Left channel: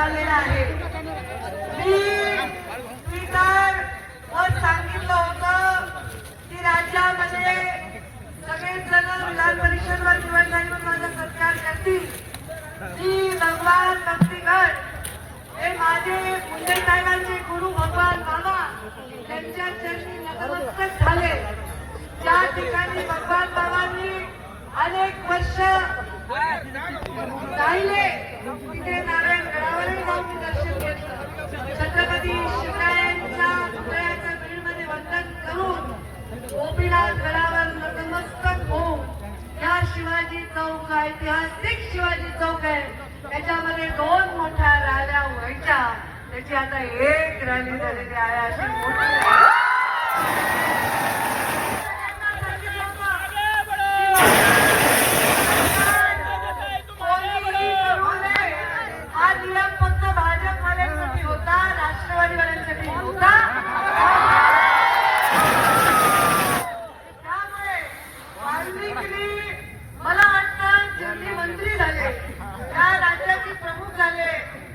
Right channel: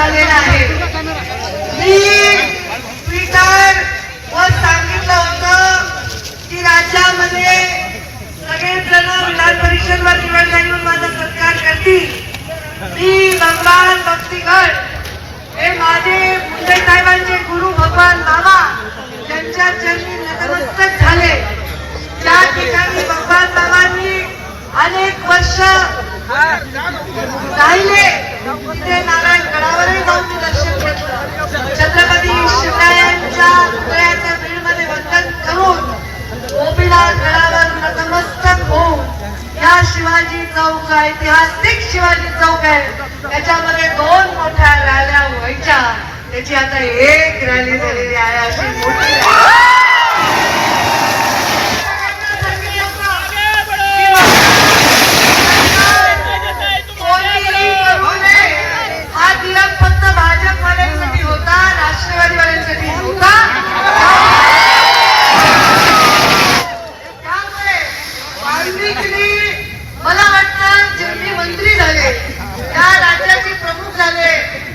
झालेला आहे. मी ट्विटर वर सांगितलं होतं की राज्यामध्ये सगळेच जण विधान परिषदवर निवड झाल्यावर माझा सत्कार करतील. मी भगवान भक्तिगड हे माझे मुंडे साहेबांचे गुरु भगवान बाबा त्यांच्या चरणी नतमस्तक झाले. ज्या ठिकाणी भगवान बाबांनी अनेक वर्ष राहिले तिथे नारायण गडावरही जाऊन दर्शन घेतलं. छत्रपती शिवरायांच्या पुतळ्याच्या बीडमध्ये वंदन करून गोपीनाथ गडावर नतमस्तक होऊन या शिवाजी चौक ऐतिहासिक शिवाजी चौक आहे त्याच्यामध्ये 2 मोठ्या रॅल्या व्हायच्या. त्याची आता एक रॅली झालेली आहे. अशी मोठी हा दिवस फक्त भाजपवाल्यांसाठी होता, राष्ट्रवादीवाल्यांसाठी होता. त्यामुळे वाल्मिकींनी मला वाटतं जेवढे मंत्री झाले त्या राज्याचे प्रमुख झाले,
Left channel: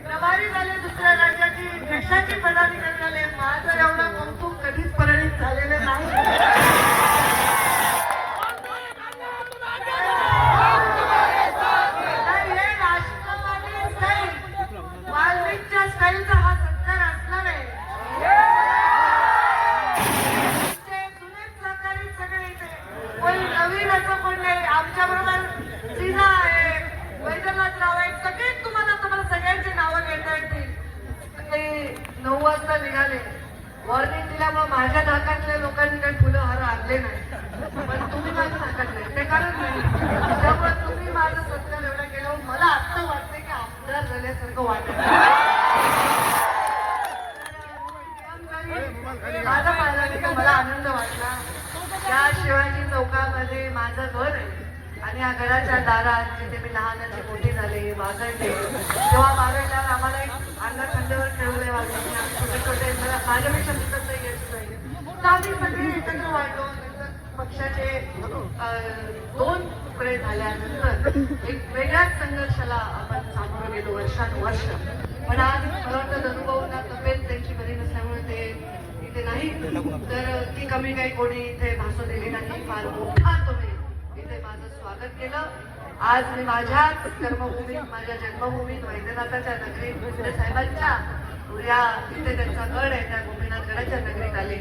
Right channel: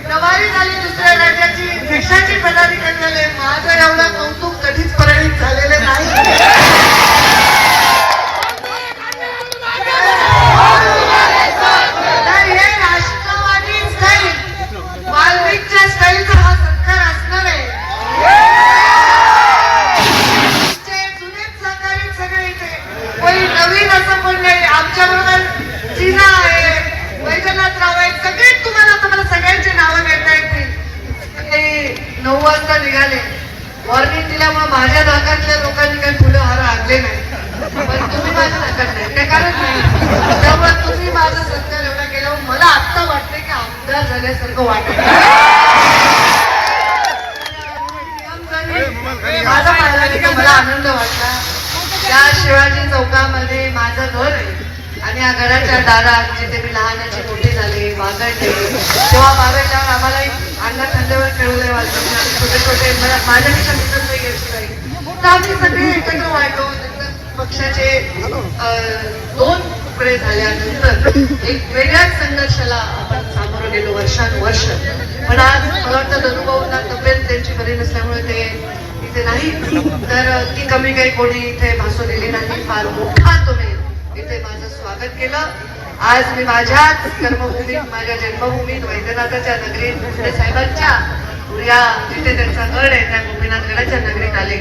प्रभारी झाले, दुसऱ्या राज्याची देशाचे पदाधिकारी झाले, माझं एवढं कौतुक कधीच परिणित झालेले नाही. निघाले वॉर्निंग दिल्यामुळे माझ्या नाकातल्या लोकांनी काही फुलं हार आणले नाही, पण तुम्ही माझ्या नाकात नाही ते कारण नाही. त्यामुळे तुम्ही माझा सत्कार एवढा केल्यावर मला आत्ता वाटते की आमदार झाल्यासारखं वाटत. माझा मला आनंद वाटला. या शिवाजी चौकामध्ये माझं घर आहे आणि या घराच्या दारात जिथे मी लहानाची मोठी झाली वागडले तेव्हा वागडल्यावर आम्हाला अंगा खांद्यावर खेळवले वाजले छोटे छोटे माझ्यापेक्षा मित्र नाही. तर आम्ही सगळे एकत्र वाढलो. पक्षाचे 2 तुकडे झाल्यानंतर एक वेगळ्याच संघर्षाला आपण सामोरं गेलो वर्षानुवर्ष. पण आज मला वाटतं धनुभाऊंना तब्येत त्यांची बरी नसल्यामुळे ते इथे नाही, तर ती कमी काही कोणी इथे भासू दिली नाही. फार मोठा तुम्ही इथे माझं स्वागत केलं. आज मी माझ्याच कर्मभूमीत माझ्या जन्मभूमीत वैद्यनाथाच्या नगरीत मुंडे साहेबांच्या या जिथे त्यांचा गड आहे त्या गोपीनाथ गडाच्या नगरीत आले.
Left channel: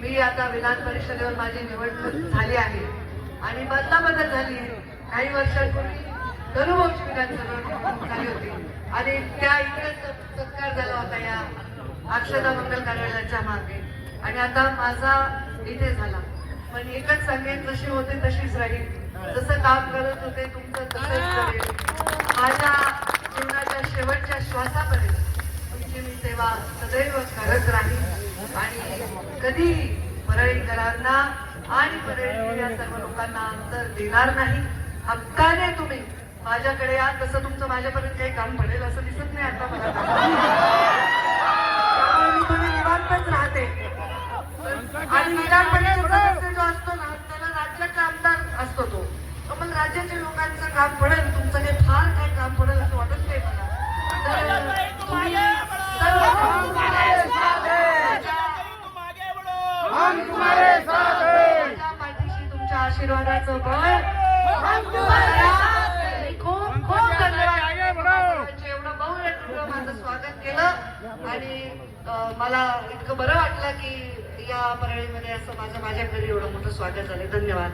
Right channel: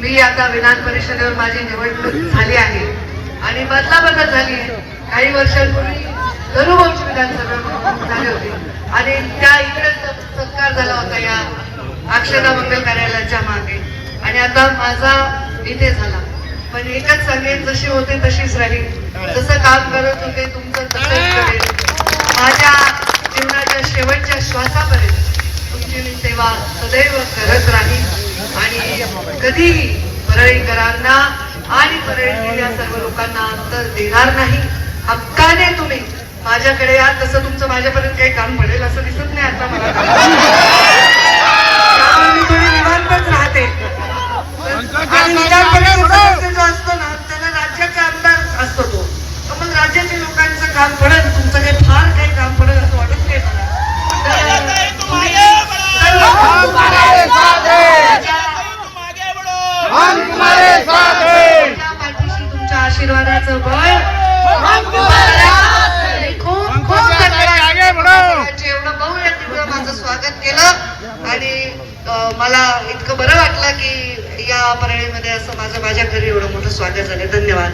मी आता विधान परिषदेवर माझी निवडणूक झाली आहे आणि बदलाबदल झाली. काही वर्षांपूर्वी धनुभाऊची विधानसभा झाली होती आणि त्या इकडे सत्कार झाला होता या अक्षता मंगल कार्यालयाच्या मागे आणि आता माझा इथे झाला. पण एकच सांगेन, जशी होते तशीच राहील. जसं काम करत होते तुमचं तसंच करेल. माझ्या जीवनाच्या शेवटच्या श्वासापर्यंत तुमची मी सेवा सदैव करत राहील आणि कधीही परळीकरांना आणि परळीतील या सर्व लोकांना अंतर देणार नाही. हक्काने तुम्ही माझ्याकडे या. तसं तुमचं माझ्यापर्यंत काही काम पडेल असं दिसत नाही आता मला. मी थोडी निवांतच राहते. जो असतो ना त्याला राज्याचा आमदार असतो तो, मग राज्याच्या लोकांचं काम पडेल, तुमचं काही फार काही काम पडेल असं वाटत नाही मला. पाठीशी तुमच्या आशीर्वादाचं बळ एवढं बहुया तिकडं माझं स्वागत केलं आणि मला इतकं बरं वाटलं की या परळीमध्ये असं माझ्या घरी एवढं मोठं स्वागत झालं. धन्यवाद.